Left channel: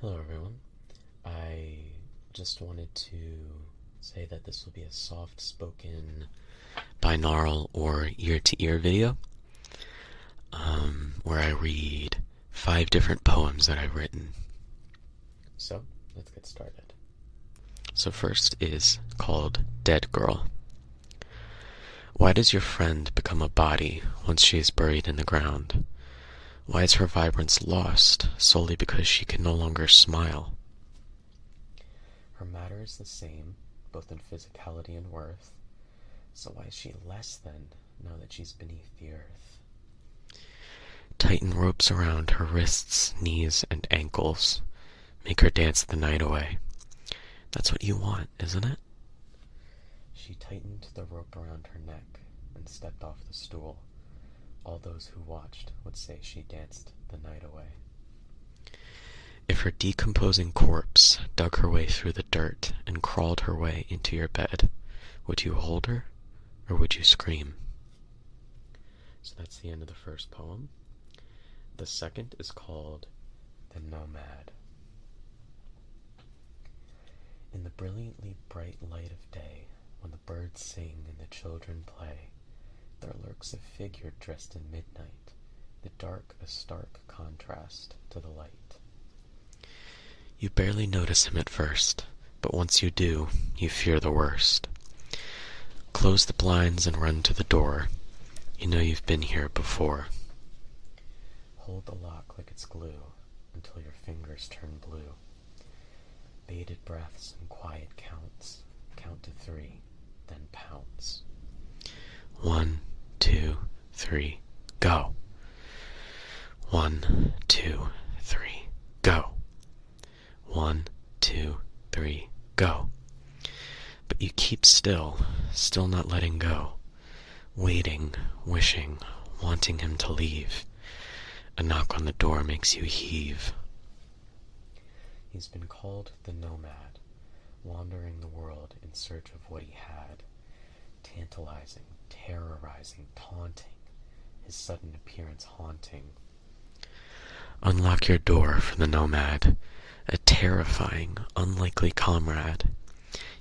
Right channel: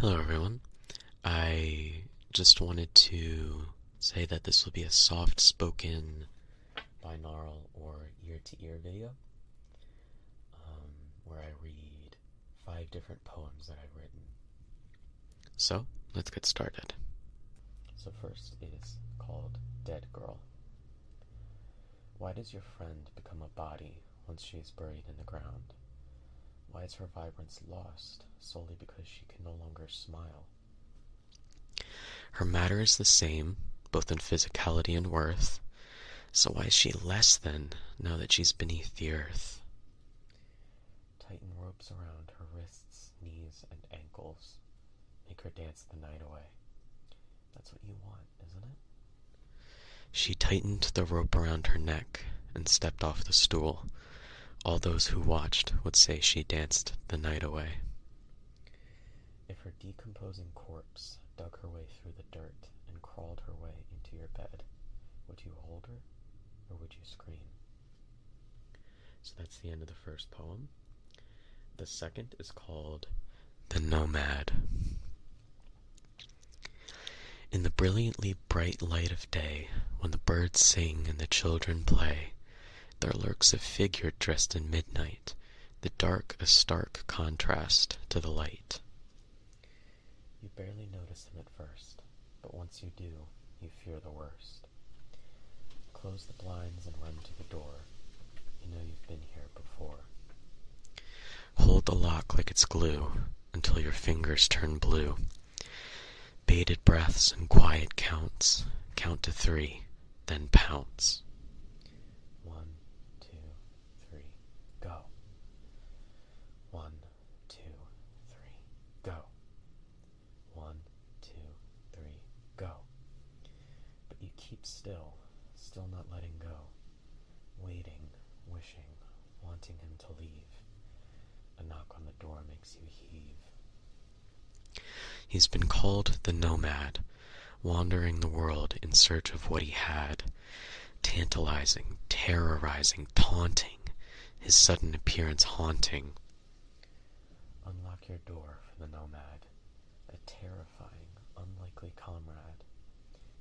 Hello everyone. I just wanted to say that this will be a soft-spoken binaural or ear-to-ear video where I read 5 different poems that I've written. So, let's get started. So first is called Dead Girl. Why does your friend become a body once she is buried in the ground? Why is her vibrance lost solely because she can no longer smile? Her matter is the same, both in physicality and worth, so why is she less than now that she's beneath the earth? Tighten ropes around her wrists, knees, and ankles. Make her dance the night away. That's what you want, isn't it? She tightened the rope around her neck and stepped off the stool. All those who watched would say she danced the night away. If her decomposing corpse dug her way through the dirt and crawled her way into your bed, would you hold her, or would you scream? So that's the end of the first poem. The second is called The Nomad. In the brilliantly bright light of day, when the birds sing and the children play, there lurks a figure dressed in midnight, the dark a stark contrast to the light. You barely notice him at first, but once you do, you fear the worst. Close the blinds and run to the door. You know you've been here before. Hold the lock like it's glue until your fingers turn blue. Bated breaths and quiet counts. Count to 3, then pounce. 1, 2, 3, go. 1, 2, 3, go. 1, 2, 3, go. But you keep still not letting go. Waiting, wishing, wanting him to leave. A knock on the door makes you heave. He's been called the Nomad, wandering the world in search of what he had. Tantalizing, terrorizing, taunting, his sudden appearance haunting. Unlock your door for the Nomad, a terrifying, unlikely comrade.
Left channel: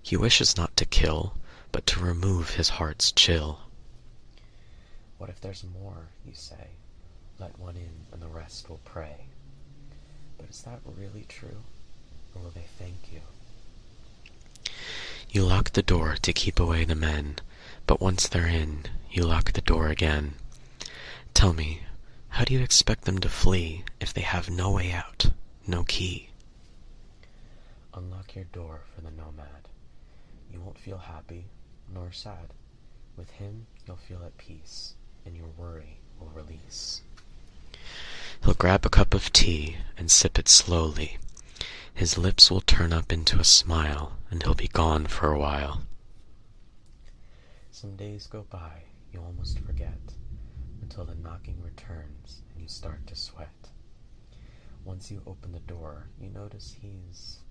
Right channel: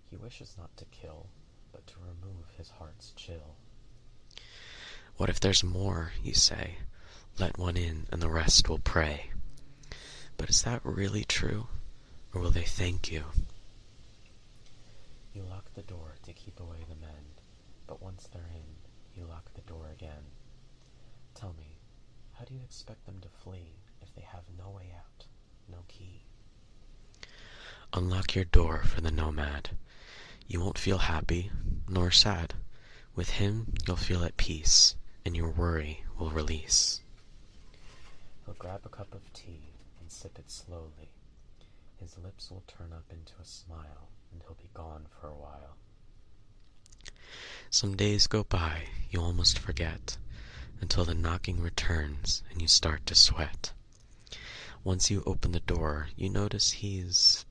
He wishes not to kill, but to remove his heart's chill. What if there's more, you say? Let one in and the rest will pray. But is that really true? Or will they thank you? You lock the door to keep away the men, but once they're in, you lock the door again. Tell me, how do you expect them to flee if they have no way out, no key? Unlock your door for the Nomad. You won't feel happy, nor sad. With him, you'll feel at peace, and your worry will release. He'll grab a cup of tea and sip it slowly. His lips will turn up into a smile, and he'll be gone for a while. Some days go by, you almost forget, until the knocking returns and you start to sweat. Once you open the door, you notice he's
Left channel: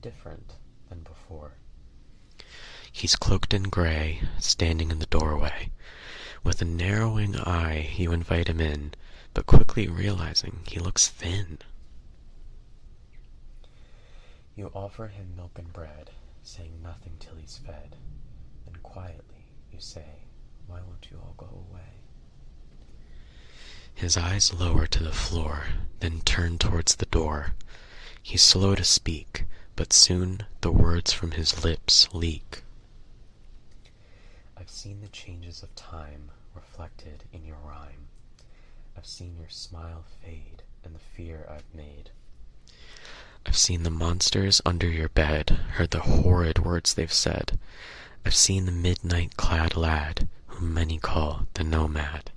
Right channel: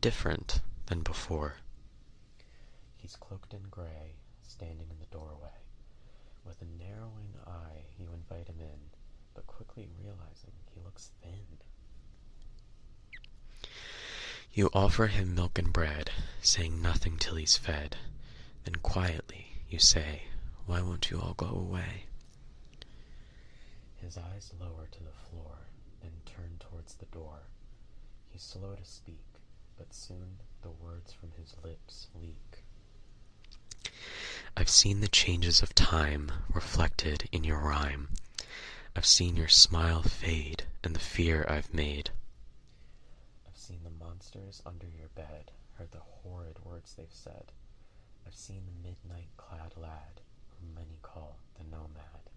different than before. He's cloaked in gray, standing in the doorway. With a narrowing eye, you invite him in, but quickly realizing he looks thin. You offer him milk and bread, saying nothing till he's fed. Then quietly you say, why won't you all go away? His eyes lower to the floor, then turn towards the door. He's slow to speak, but soon the words from his lips leak. I've seen the changes of time reflected in your rhyme. I've seen your smile fade and the fear I've made. I've seen the monsters under your bed, heard the horrid words they've said. I've seen the midnight-clad lad, whom many call the Nomad.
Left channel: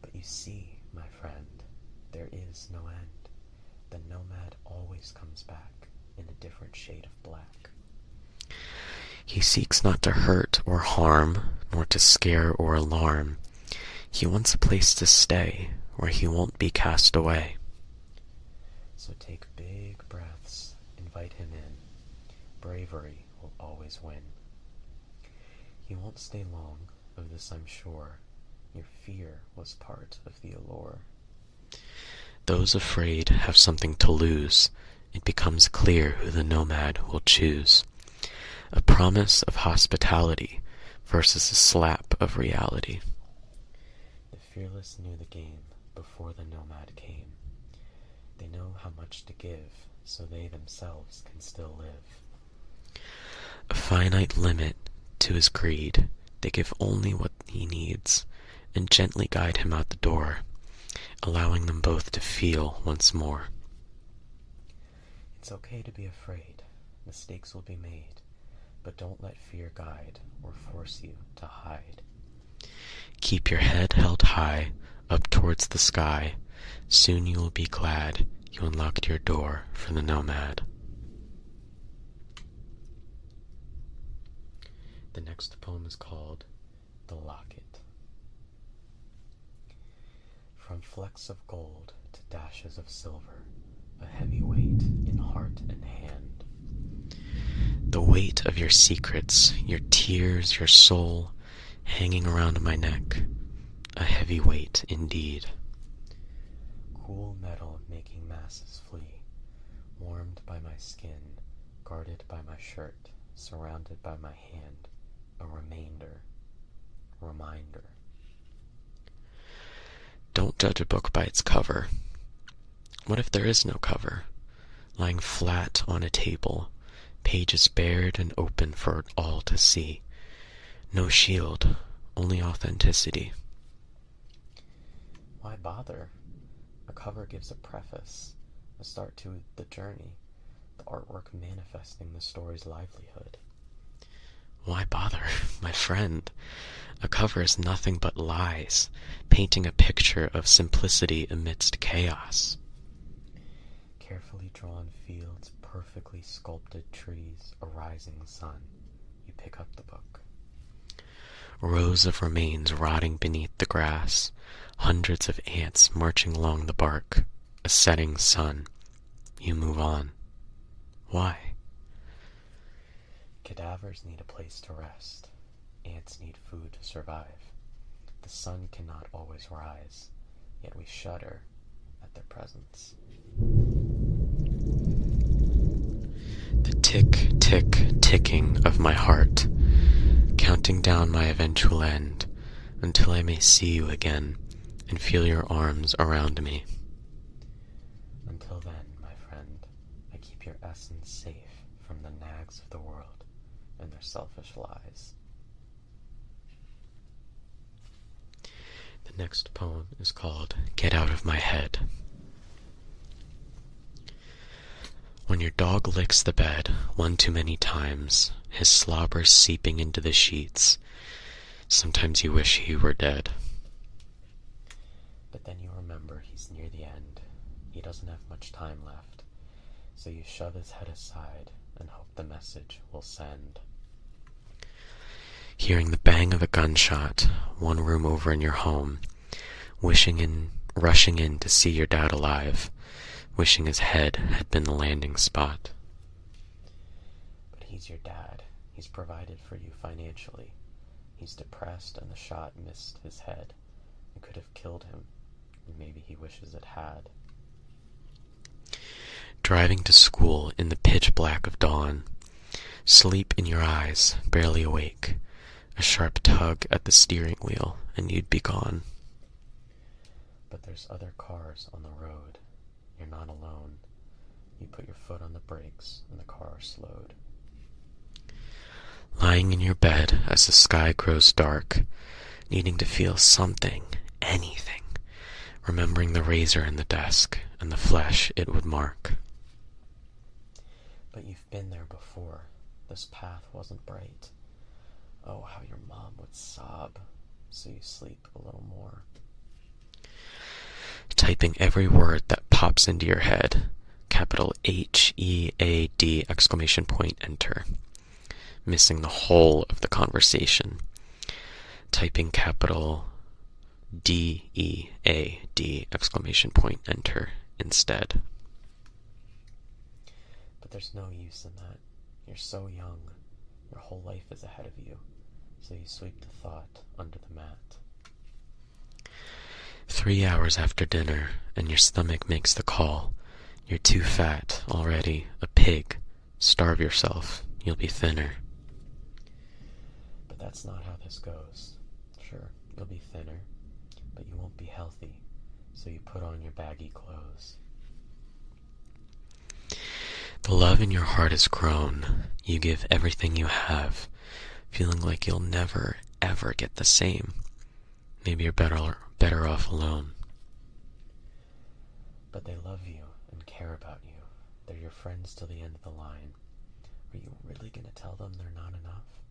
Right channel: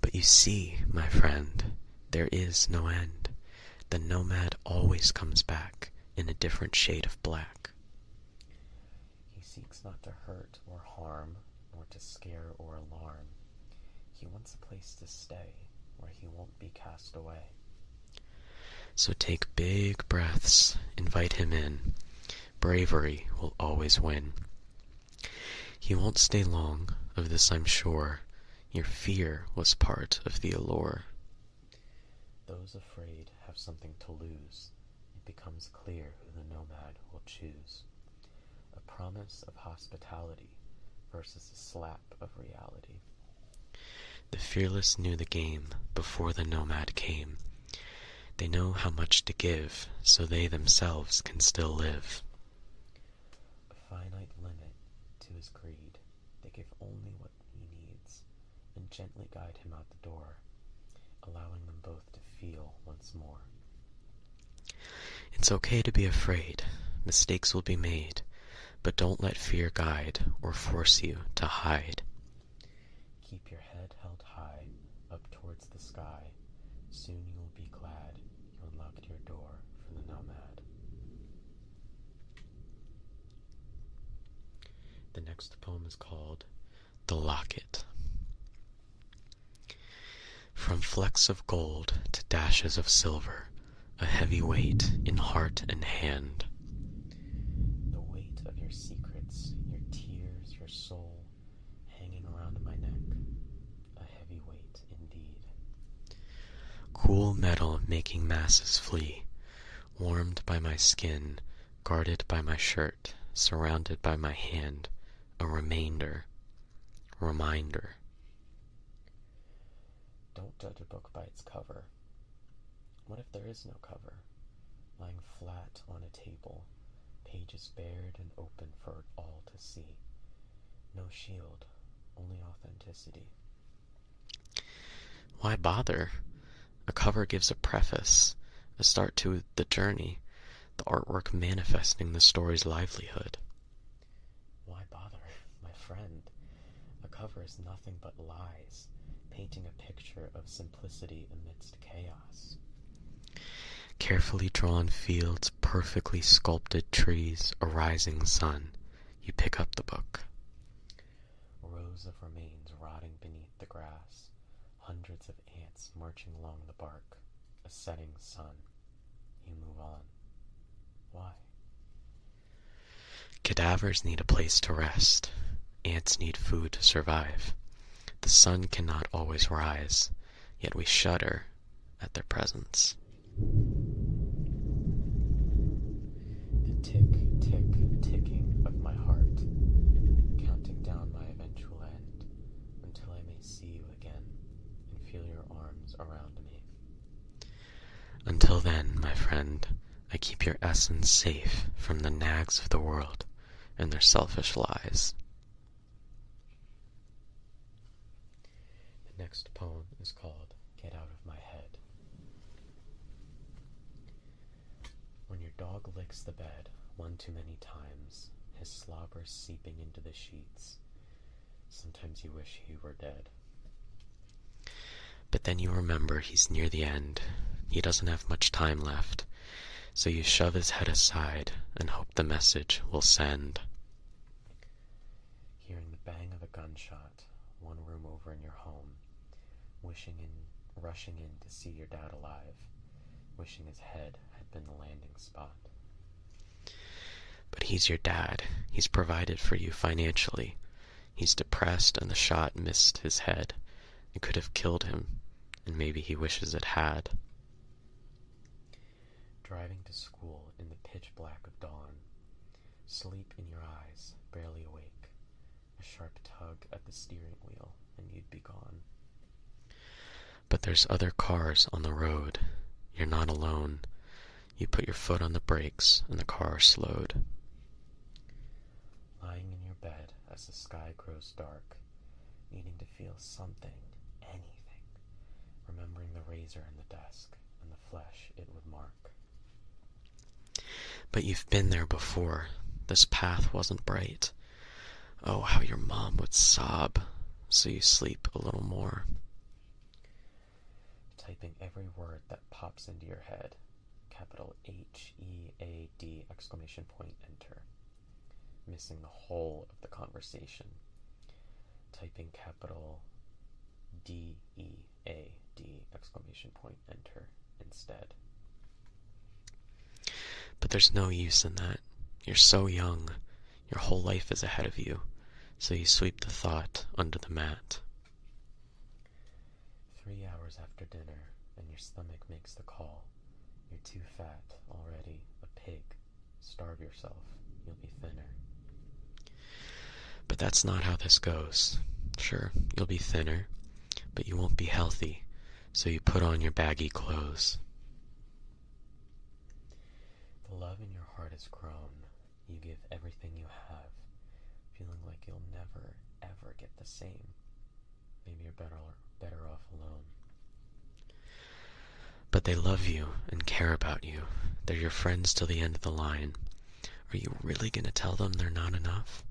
But you see, my friend, there is no end. The Nomad always comes back in a different shade of black. He seeks not to hurt or harm, nor to scare or alarm. He wants a place to stay, where he won't be cast away. So take big breaths, invite him in. Bravery will always win. He won't stay long, of this I'm sure. Your fear was part of the allure. those afraid have something to lose, it becomes clear who the nomad will choose. A promise of hospitality versus a slap of reality. The fearless knew the game before the nomad came. They know how much to give, so they themselves can still live. A finite limit to his greed, they give only what he needs, and gently guide him out the door, allowing them both to feel once more. It's okay to be afraid, mistakes will be made, but don't let fear guide or force you to hide. Keep your head held high, up towards the sky, soon you will be glad you unlocked your door for the nomad. The next poem is called The Locket. From flecks of gold to dashes of silver, a heavy weight in heart and hand. The weight of your secrets, your tears, your soul, hanging around my neck, a heavy weight indeed. Cool metal making masses flee, warmed by my skin, guarded by my shirt, surrounded by my hand, a reminder. Don't judge a book by its cover. What if there is no cover? Lying flat on a table, pages bared and open for all to see. No shield, only authenticity. Why bother? A cover gives a preface, a start to the journey, the artwork manifesting the story's livelihood. Why bother, my friend? A cover is nothing but lies, painting a picture of simplicity amidst chaos. Carefully drawn fields, perfectly sculpted trees, a rising sun. You pick up the book. Rows of remains rotting beneath the grass, hundreds of ants marching along the bark, a setting sun. You move on. Why? Cadavers need a place to rest. Ants need food to survive. The sun cannot always rise, yet we shudder at their presence. The tick, tick, ticking of my heart, counting down my eventual end, until I may see you again and feel your arms around me. Until then, my friend, I keep your essence safe from the nags of the world and their selfish lies. The next poem is called Get Out of My Head. When your dog licks the bed one too many times, his slobber seeping into the sheets, sometimes you wish he were dead. But then you remember he's near the end. He doesn't have much time left, so you shove his head aside and hope the message will send. Hearing the bang of a gunshot, one room over in your home, rushing in to see your dad alive, wishing his head had been the landing spot. But he's your dad. He's provided for you financially. He's depressed and the shot missed his head. It could have killed him, and maybe he wishes it had. Driving to school in the pitch black of dawn, sleep in your eyes, barely awake, a sharp tug at the steering wheel, and you'd be gone. But there's other cars on the road. You're not alone. You put your foot on the brakes, and the car slowed. Lying in your bed as the sky grows dark, needing to feel something, anything, remembering the razor in the desk and the flesh it would mark. But you've been there before. This path wasn't bright. Oh, how your mom would sob, so you sleep a little more. Typing every word that pops into your head, capital HEAD, exclamation point, enter. Missing the whole of the conversation. Typing capital DEAD, exclamation point, enter instead. But there's no use in that. You're so young. Your whole life is ahead of you, so you sweep the thought under the mat. 3 hours after dinner, and your stomach makes the call. You're too fat already, a pig. Starve yourself, you'll be thinner. But that's not how this goes. Sure, you'll be thinner, but you won't be healthy, so you put on your baggy clothes. The love in your heart has grown. You give everything you have, feeling like you'll never, ever get the same. Maybe you're better off alone. But they love you and care about you. They're your friends till the end of the line. Are you really going to tell them they're not enough?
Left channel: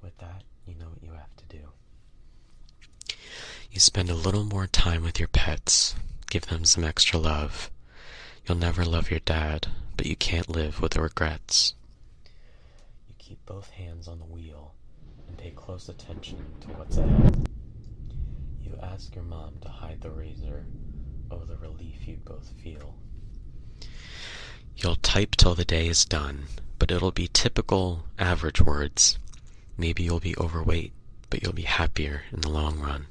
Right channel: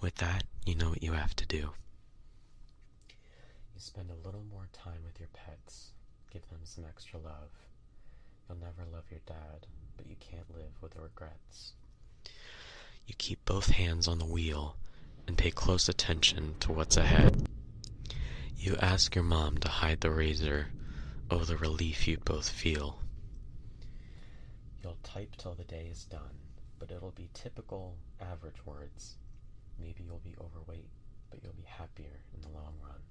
With that, you know what you have to do. You spend a little more time with your pets. Give them some extra love. You'll never love your dad, but you can't live with the regrets. You keep both hands on the wheel and pay close attention to what's ahead. You ask your mom to hide the razor. Oh, the relief you both feel. You'll type till the day is done, but it'll be typical, average words. Maybe you'll be overweight, but you'll be happier in the long run.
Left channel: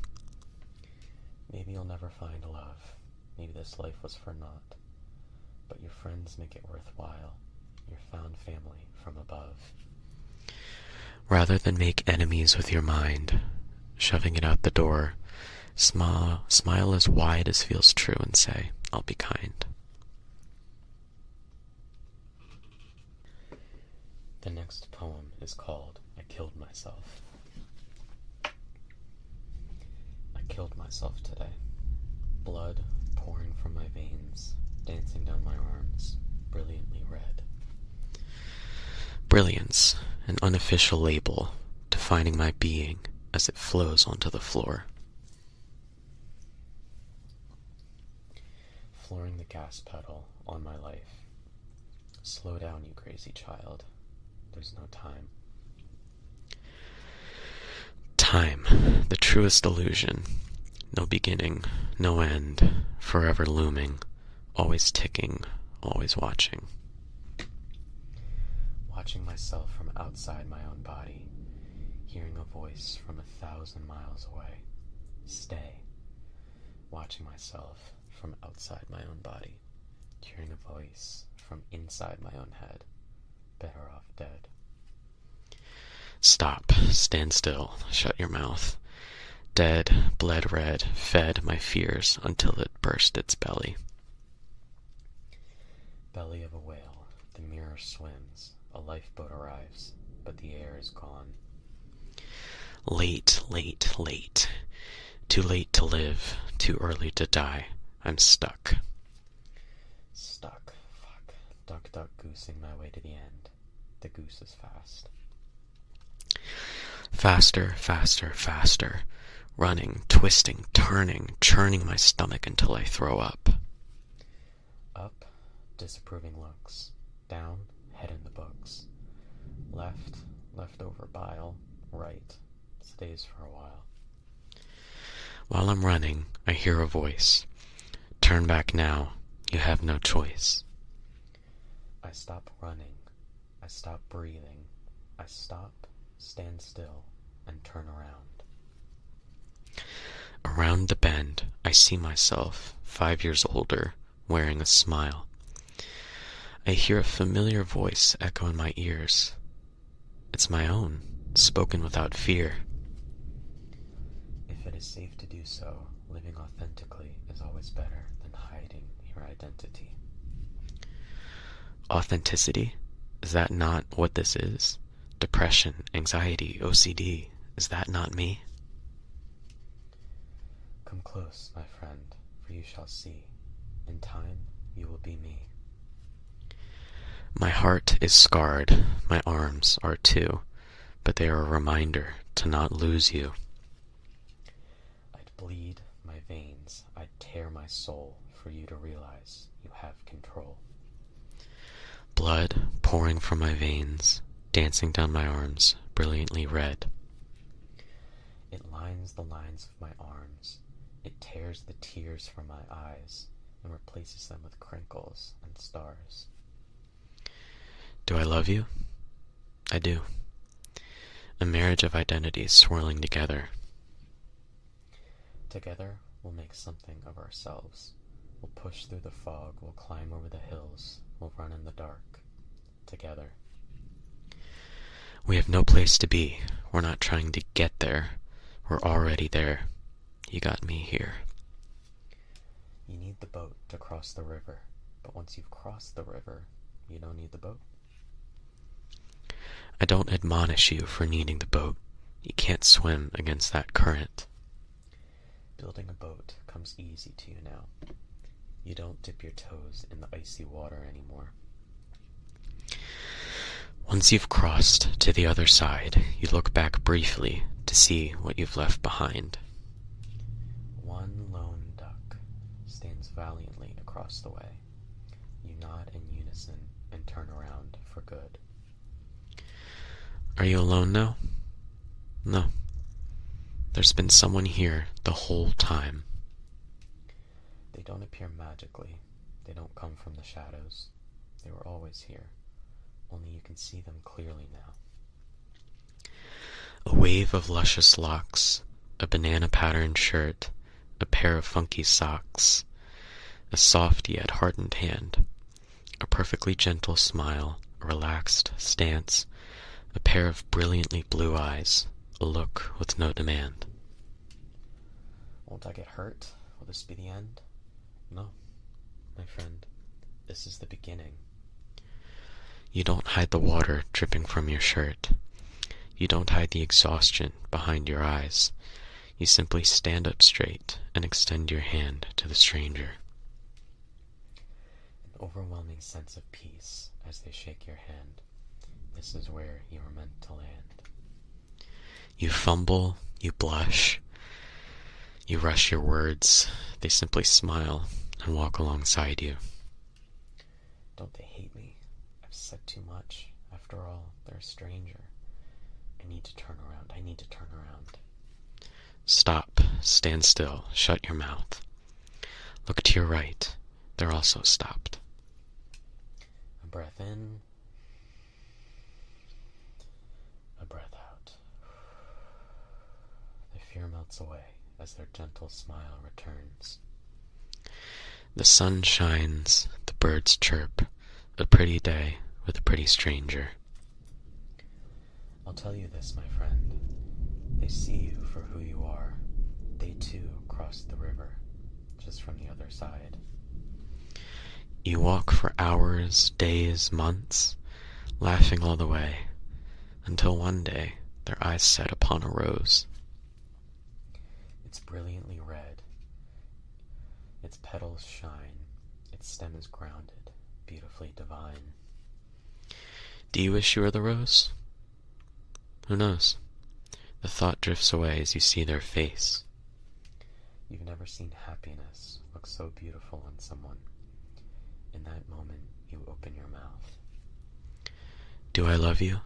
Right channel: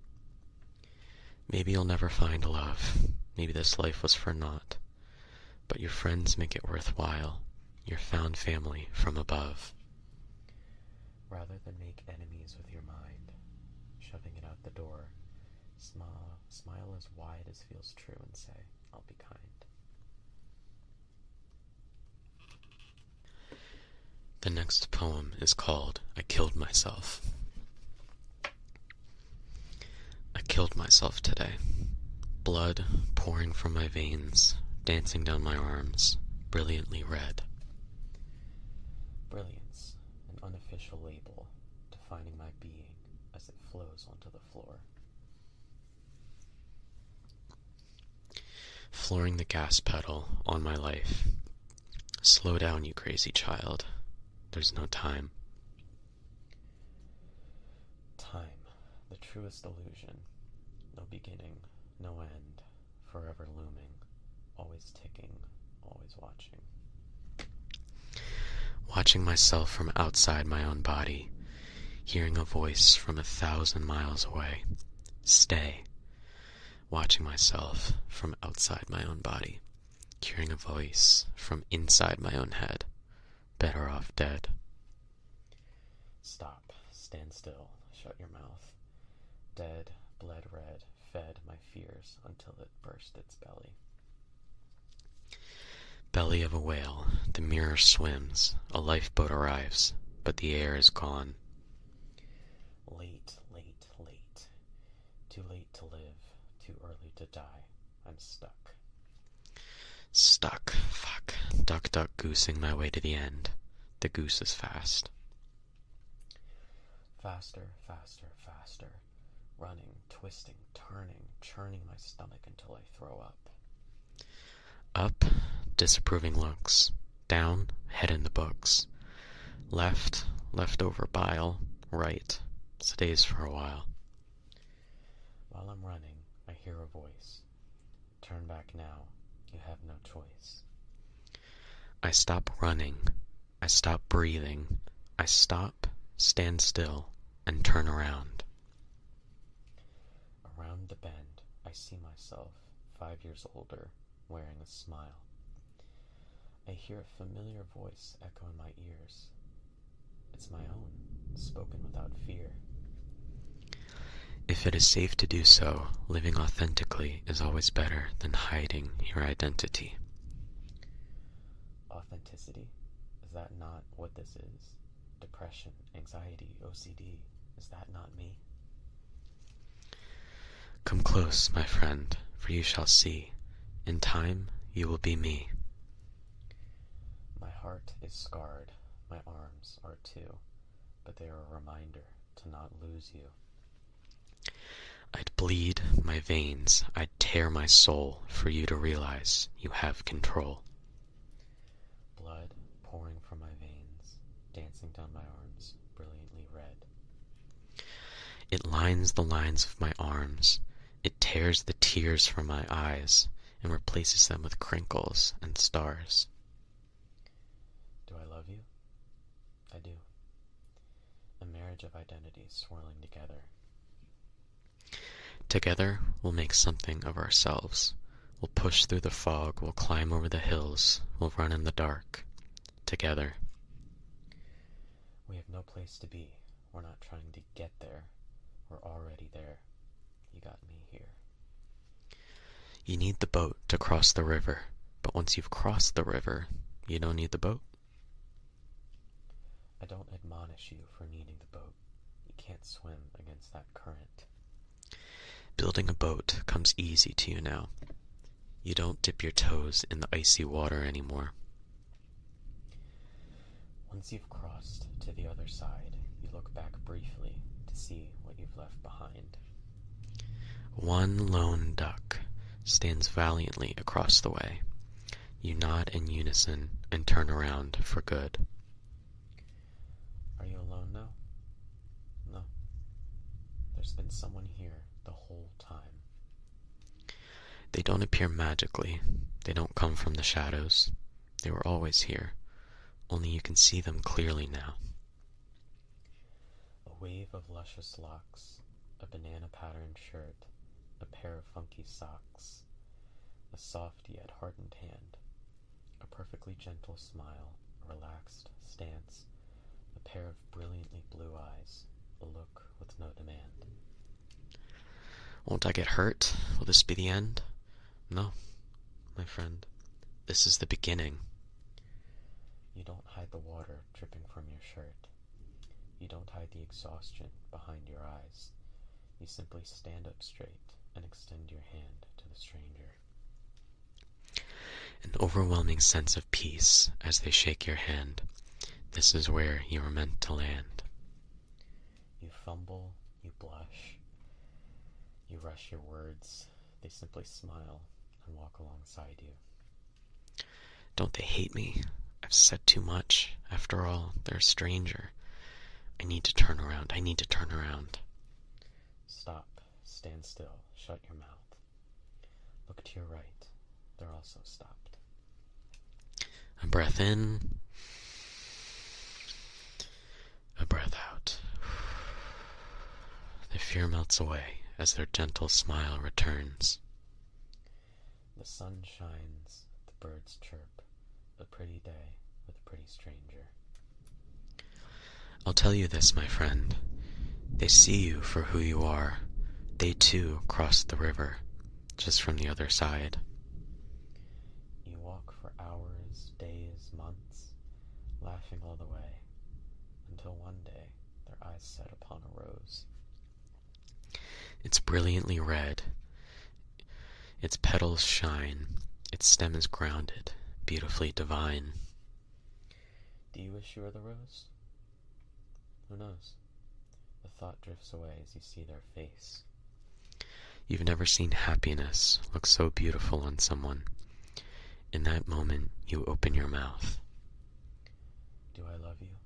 Maybe you'll never find love. Maybe this life was for naught. But your friends make it worthwhile. Your found family from above. Rather than make enemies with your mind, shoving it out the door, smile as wide as feels true and say, I'll be kind. The next poem is called I Killed Myself. I killed myself today. Blood pouring from my veins, dancing down my arms, brilliantly red. Brilliance, an unofficial label, defining my being as it flows onto the floor. Flooring the gas pedal on my life. Slow down, you crazy child. There's no time. Time, the truest illusion. No beginning, no end, forever looming, always ticking, always watching. Watching myself from outside my own body, hearing a voice from 1,000 miles away. Stay. Watching myself from outside my own body, hearing a voice from inside my own head. Better off dead. Stop, stand still, shut your mouth. Dead, bled red, fed my fears until it burst its belly. Belly of a whale, the mirror swims, a lifeboat arrives, but the air is gone. Late, late, late. Too late to live, too early to die. I'm stuck. Stuck, fuck. Duck, duck, goosing my way to the end. The goose is fast. Faster, faster, faster. Running, twisting, turning, churning my stomach until I throw up. Up, disapproving looks. Down, head in the books. Left, leftover bile. Right, stays for a while. While I'm running, I hear a voice. Turn back now, you have no choice. I stop running. I stop breathing. I stop, stand still, and turn around. Around the bend, I see myself, 5 years older, wearing a smile. I hear a familiar voice echo in my ears. It's my own, spoken without fear. If it is safe to do so, living authentically is always better than hiding your identity. Authenticity? Is that not what this is? Depression, anxiety, OCD, is that not me? Come close, my friend, for you shall see. In time, you will be me. My heart is scarred, my arms are too, but they are a reminder to not lose you. I'd bleed my veins, I'd tear my soul for you to realize you have control. Blood pouring from my veins, dancing down my arms, brilliantly red. It lines the lines of my arms. It tears the tears from my eyes and replaces them with crinkles and stars. Do I love you? I do. A marriage of identities swirling together. Together, we'll make something of ourselves. We'll push through the fog, we'll climb over the hills, we'll run in the dark, together. We have no place to be. We're not trying to get there. We're already there. You got me here. You need the boat to cross the river, but once you've crossed the river, you don't need the boat. I don't admonish you for needing the boat. You can't swim against that current. Building a boat comes easy to you now. You don't dip your toes in the icy water anymore. Once you've crossed to the other side, you look back briefly to see what you've left behind. One lone duck stands valiantly across the way. You nod in unison and turn around for good. Are you alone now? No. There's been someone here the whole time. They don't appear magically. They don't come from the shadows. They were always here. Only you can see them clearly now. A wave of luscious locks, a banana-patterned shirt, a pair of funky socks, a soft yet hardened hand, a perfectly gentle smile, a relaxed stance, a pair of brilliantly blue eyes, a look with no demand. Won't I get hurt? Will this be the end? No, my friend. This is the beginning. You don't hide the water dripping from your shirt. You don't hide the exhaustion behind your eyes. You simply stand up straight and extend your hand to the stranger. An overwhelming sense of peace as they shake your hand. This is where you were meant to land. You fumble, you blush, you rush your words. They simply smile and walk alongside you. Don't they hate me? I've said too much. After all, they're a stranger. I need to turn around. I need to turn around. Stop. Stand still. Shut your mouth. Look to your right. They're also stopped. A breath in. A breath out. The fear melts away as their gentle smile returns. The sun shines. The birds chirp. A pretty day with a pretty stranger. I'll tell you this, my friend. They see you for who you are. They too crossed the river, just from the other side. You walk for hours, days, months, laughing all the way, until one day their eyes set upon a rose. It's brilliantly red. Its petals shine. Its stem is grounded, beautifully divine. Do you wish you were the rose? Who knows? The thought drifts away as you see their face. You've never seen happiness look so beautiful on someone. In that moment, you open your mouth. Do I love you?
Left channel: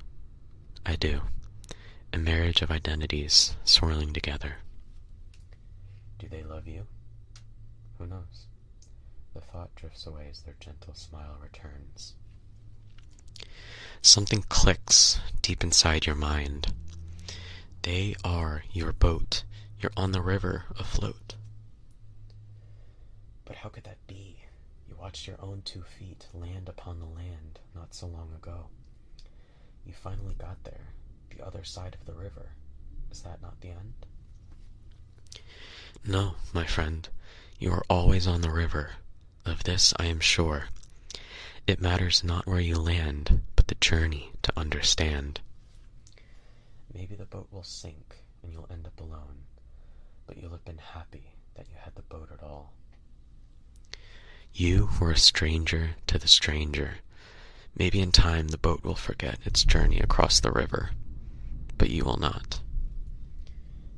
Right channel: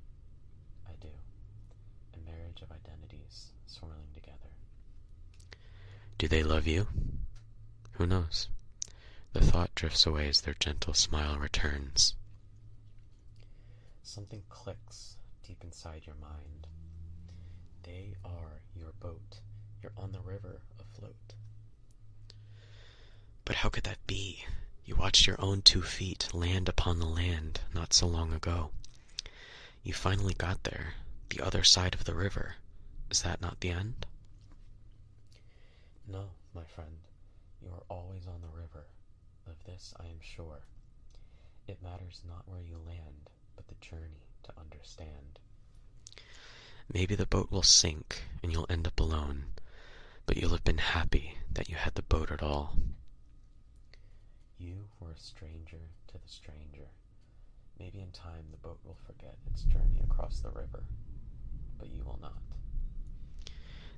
I do. A marriage of identities swirling together. Do they love you? Who knows? The thought drifts away as their gentle smile returns. Something clicks deep inside your mind. They are your boat. You're on the river afloat. But how could that be? You watched your own 2 feet land upon the land not so long ago. You finally got there, the other side of the river. Is that not the end? No, my friend. You are always on the river. Of this I am sure. It matters not where you land, but the journey to understand. Maybe the boat will sink and you'll end up alone, but you'll have been happy that you had the boat at all. You were a stranger to the stranger. Maybe in time the boat will forget its journey across the river, but you will not.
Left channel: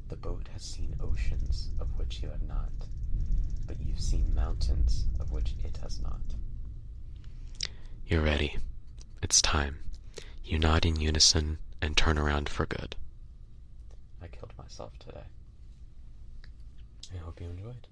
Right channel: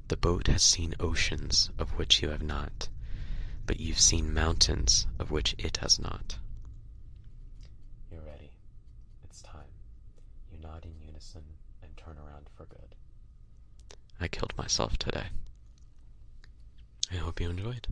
The boat has seen oceans of which you have not, but you've seen mountains of which it has not. You're ready. It's time. You nod in unison and turn around for good. I killed myself today. I hope you enjoyed.